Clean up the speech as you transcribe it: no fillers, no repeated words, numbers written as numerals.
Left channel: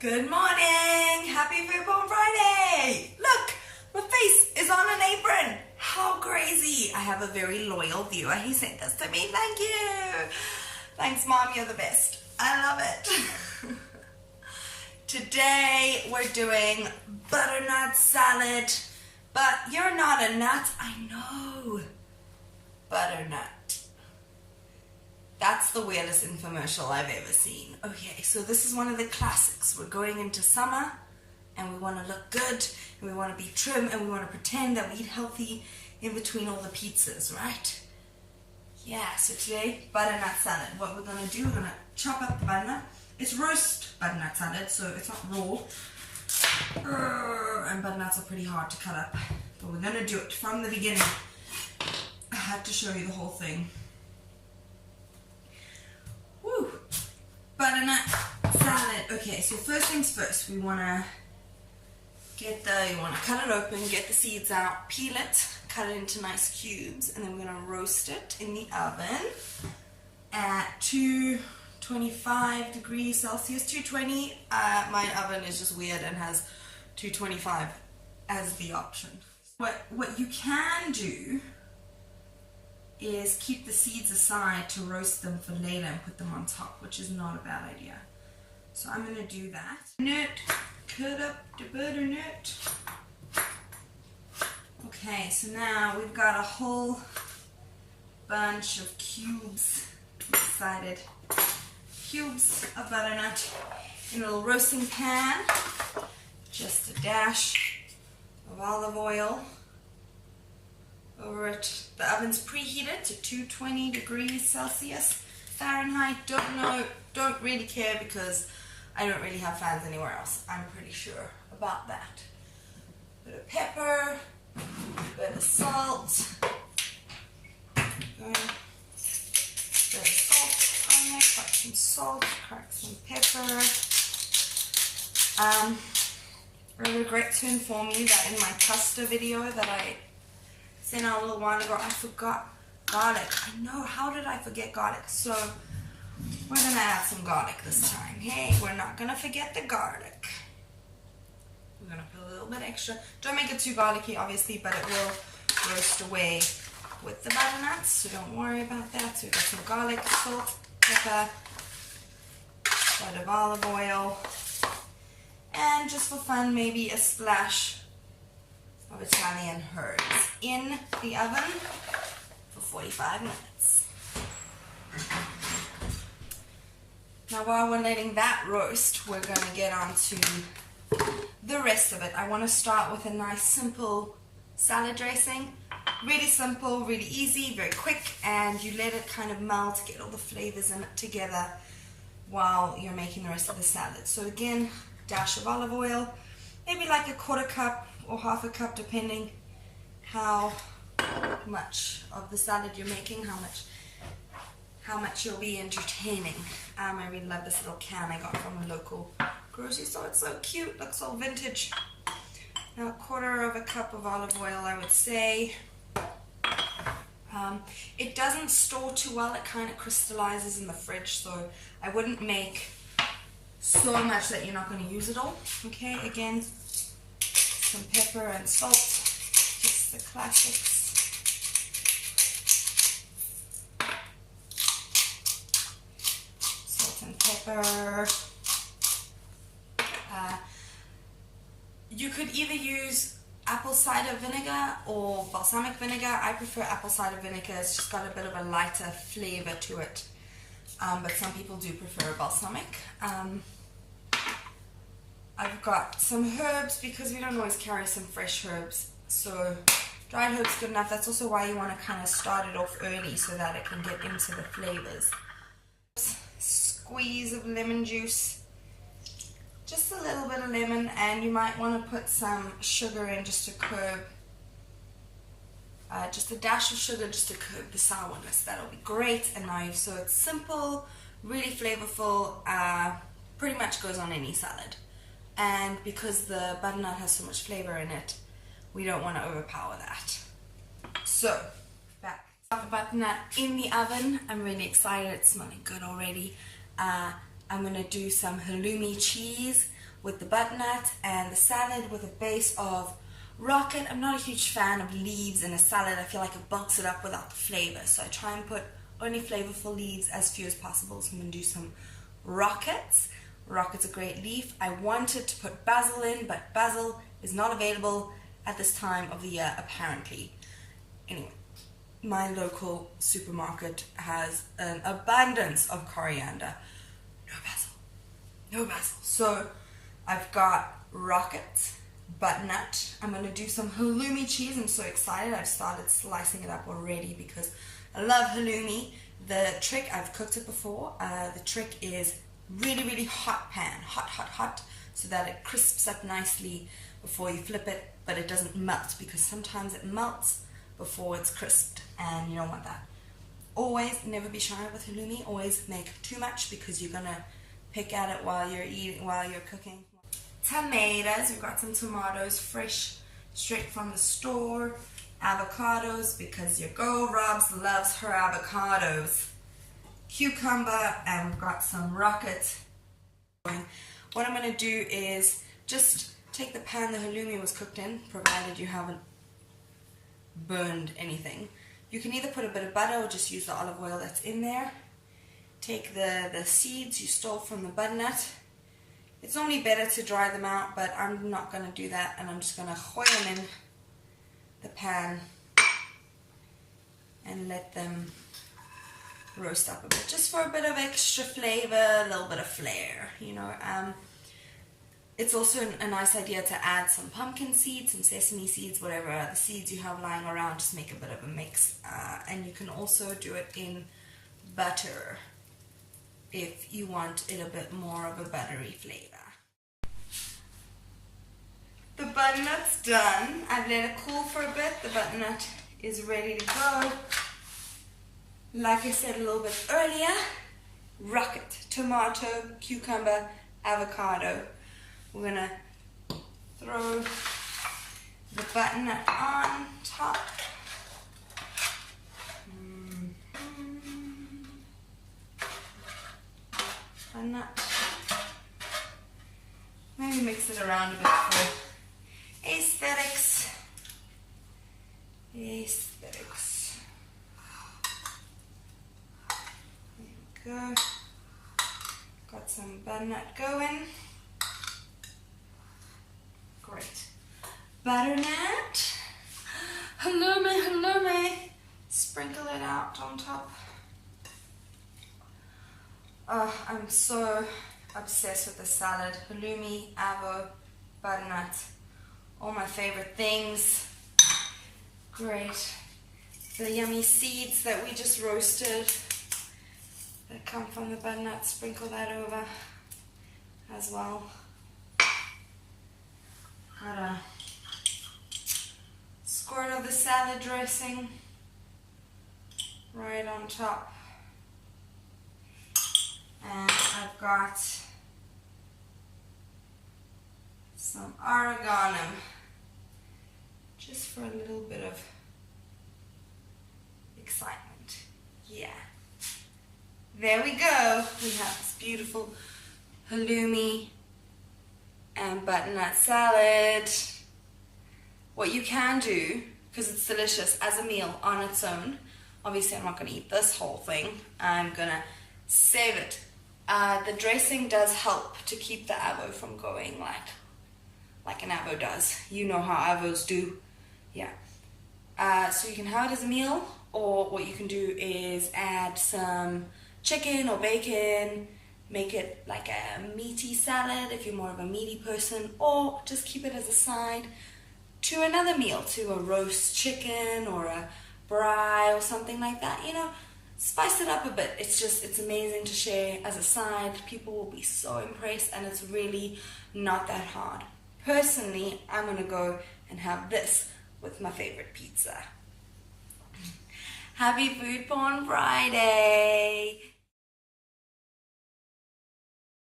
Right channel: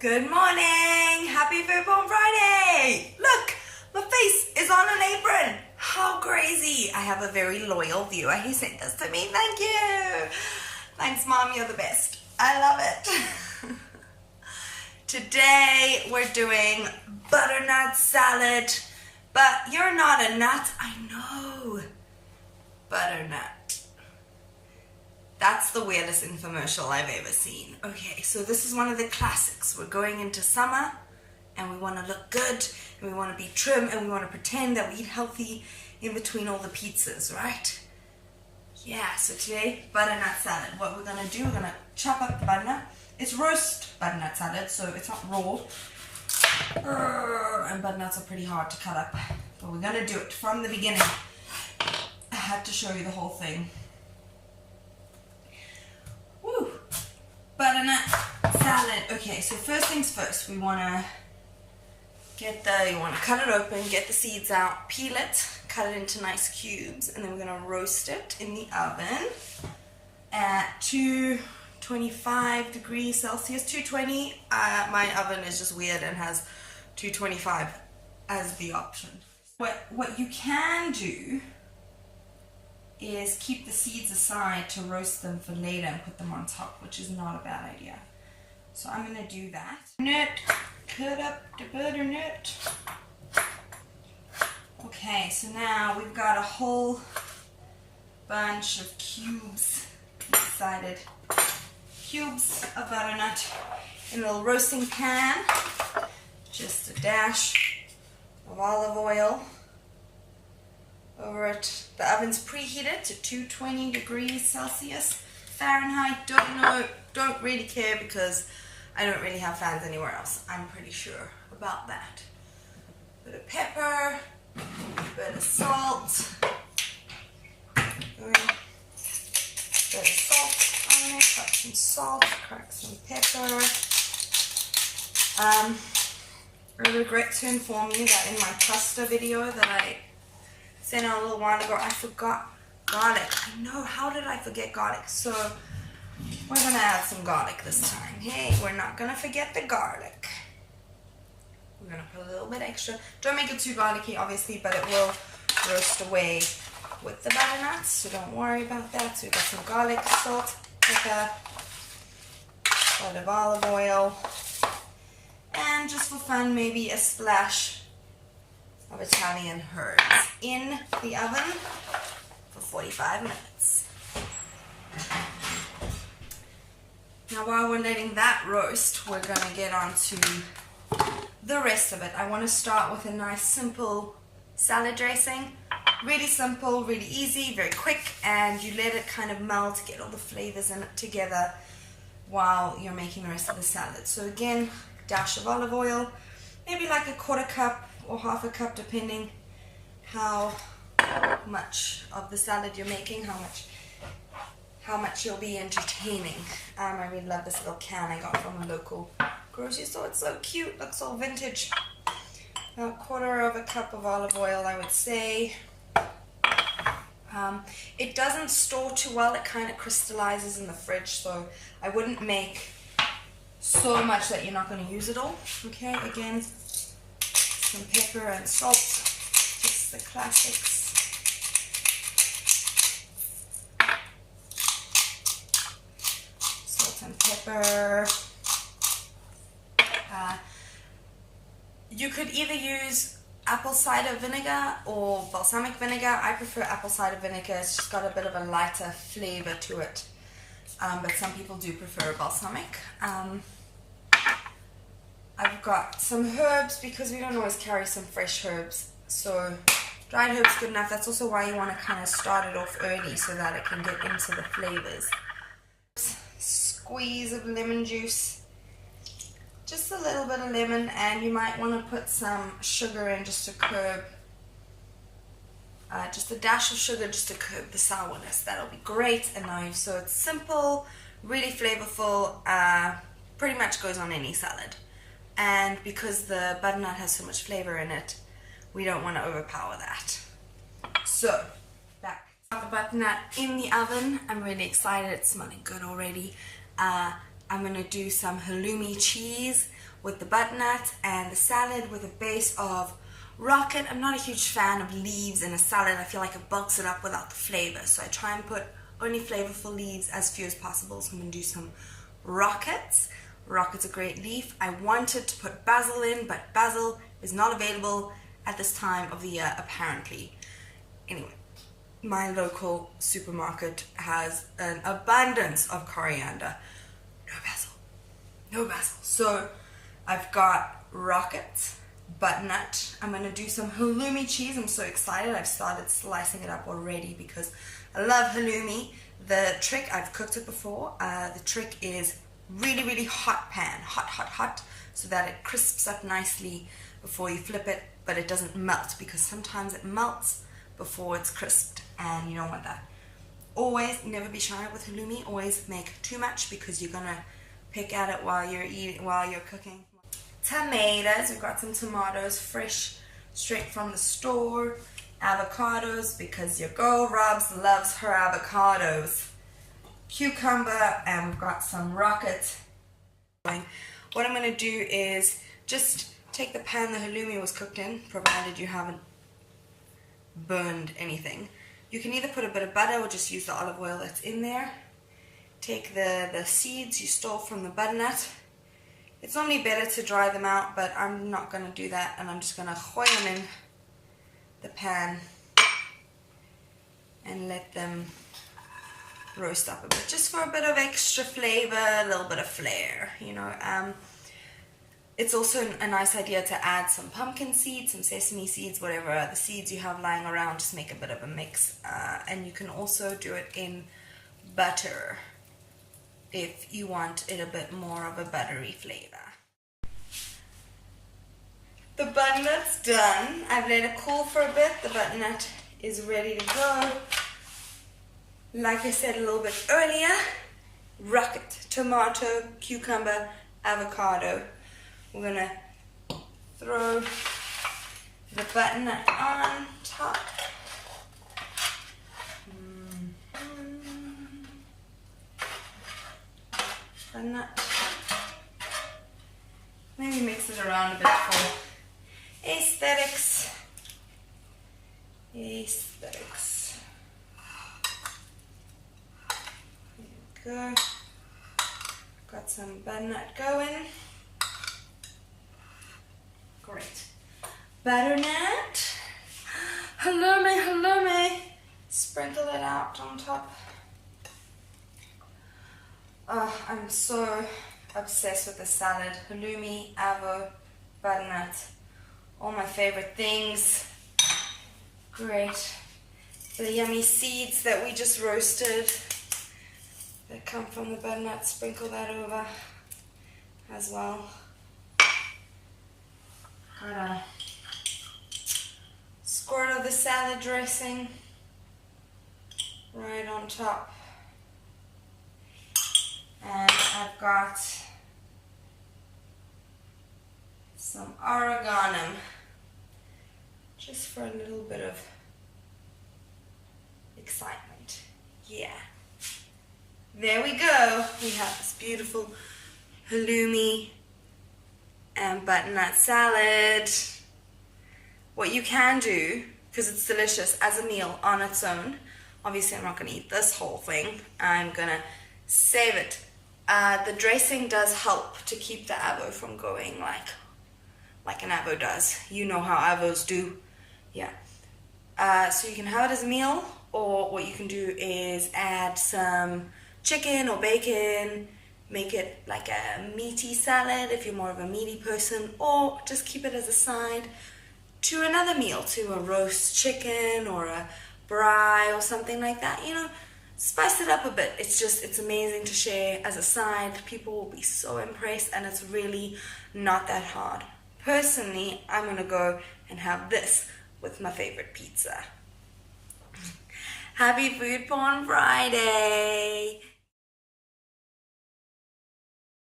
Good morning! Happy Food Porn Friday! Look, my face is on an apron. How crazy! I have a very loyal viewer. He sent this to me. Thank you! Thanks, Mom. You're the best. I love it. Today we're doing butternut salad. But you're not a nut. I know. Butternut. That's the weirdest infomercial I've ever seen. Okay, so this is one of the classics. We're going into summer and we want to look good and we want to be trim and we want to pretend that we eat healthy in between all the pizzas, right? Yeah, so today, butternut salad. What we're going to do, we're going to chop up the butternut. It's roast butternut salad, so it's not raw. And butternuts are pretty hard to cut up. But we're going to do it from the beginning. I had to show you the whole thing. Butternut salad. Okay, so first things first, we want to you want to cut it open, get the seeds out, peel it, cut it into nice cubes, and then we're going to roast it in the oven at 225 degrees Celsius, 220. My oven is just weird and has 225 as the option. What you can do is keep the seeds aside to roast them for later and put them on top, which is not a bad idea. So I'm going to do that. Cut up the butternut. Okay, so now we've got a whole bunch of cubes, decided cubes of butternut in a little roasting pan. Just a dash of olive oil over it. The oven's preheated to 220 degrees Celsius, Fahrenheit. Don't really care because I don't really have fans anywhere else. I'm pretty sure about that. Bit of pepper, bit of salt. Bit of salt on there. Crack some salt, crack some pepper. I regret to inform you that in my pasta video that I sent out a little while ago, I forgot garlic. I know, how did I forget garlic? So we're gonna add some garlic this time. Hey, we're not gonna forget the garlic. We're gonna put a little bit extra. Don't make it too garlicky, obviously, but it will roast away with the butternuts, so don't worry about that. So we've got some garlic, salt, pepper, a bit of olive oil, and just for fun, maybe a splash of Italian herbs in the oven for 45 minutes. Now while we're letting that roast, we're going to get on to the rest of it. I want to start with a nice simple salad dressing. Really simple, really easy, very quick, and you let it kind of melt, get all the flavors in it together while you're making the rest of the salad. So again, dash of olive oil, maybe like a quarter cup or half a cup, depending how much of the salad you're making, how much you'll be entertaining. I really love this little can I got from a local grocery store. It's so cute, looks all vintage. Now a quarter of a cup of olive oil, I would say. It doesn't store too well, it kind of crystallizes in the fridge, so I wouldn't make so much that you're not going to use it all. Okay, again, some pepper and salt, just the classics. Salt and pepper. You could either use apple cider vinegar or balsamic vinegar. I prefer apple cider vinegar. It's just got a bit of a lighter flavor to it. But some people do prefer balsamic. I've got some herbs because we don't always carry some fresh herbs. So dried herbs good enough. That's also why you want to kind of start it off early so that it can get into the flavors. Squeeze of lemon juice. Just a little bit of lemon, and you might want to put some sugar in just to curb, just a dash of sugar just to curb the sourness. That'll be great. And now, so it's simple, really flavorful, pretty much goes on any salad. And because the butternut has so much flavor in it, we don't want to overpower that. So, back. Got the butternut in the oven. I'm really excited. It's smelling good already. I'm going to do some halloumi cheese with the butternut, and the salad with a base of rocket. I'm not a huge fan of leaves in a salad. I feel like it bulks it up without the flavor, so I try and put only flavorful leaves, as few as possible. So I'm going to do some rockets. Rocket's a great leaf. I wanted to put basil in, but basil is not available at this time of the year, apparently. Anyway, my local supermarket has an abundance of coriander. No basil. No basil. So I've got rockets, butternut. I'm going to do some halloumi cheese. I'm so excited. I've started slicing it up already because I love halloumi. The trick, I've cooked it before. The trick is really, really hot pan. Hot, so that it crisps up nicely before you flip it, but it doesn't melt, because sometimes it melts before it's crisped, and you don't want that. Always, never be shy with halloumi. Always make too much, because you're gonna pick at it while you're cooking. Tomatoes. We've got some tomatoes, fresh, straight from the store. Avocados, because your girl Robs loves her avocados. Cucumber, and we've got some rocket. What I'm gonna do is just take the pan the halloumi was cooked in, provided you haven't burned anything. You can either put a bit of butter or just use the olive oil that's in there. Take the seeds you stole from the butternut. It's normally better to dry them out, but I'm not going to do that, and I'm just going to hoy them in the pan and let them roast up a bit, just for a bit of extra flavor, a little bit of flair, you know. It's also a nice idea to add some pumpkin seeds, some sesame seeds, whatever the seeds you have lying around. Just make a bit of a mix. And you can also do it in butter if you want it a bit more of a buttery flavor. The butternut's done. I've let it cool for a bit. The butternut is ready to go. Like I said a little bit earlier, rocket, tomato, cucumber, avocado. We're gonna throw the butternut on top. Butternut. Maybe mix it around a bit for aesthetics. Aesthetics. There we go. Got some butternut going. Great. Butternut. Halloumi. Sprinkle it out on top. Oh, I'm so obsessed with the salad. Halloumi, avo, butternut. All my favorite things. Great. The yummy seeds that we just roasted that come from the butternut, sprinkle that over as well. Got a squirt of the salad dressing right on top. And I've got some oregano, just for a little bit of excitement. Yeah. There we go. We have this beautiful halloumi and butternut salad. What you can do, because it's delicious as a meal on its own, obviously I'm not going to eat this whole thing, I'm going to save it. The dressing does help to keep the avo from going like an avo does. You know how avos do. Yeah. So you can have it as a meal, or what you can do is add some chicken or bacon, make it like a meaty salad if you're more of a meaty person, or just keep it as a side to another meal, to a roast chicken or a braai or something like that. You know, spice it up a bit. It's amazing to share as a side. People will be so impressed, and it's really not that hard. Personally, I'm gonna go and have this with my favorite pizza. Happy Food Porn Friday!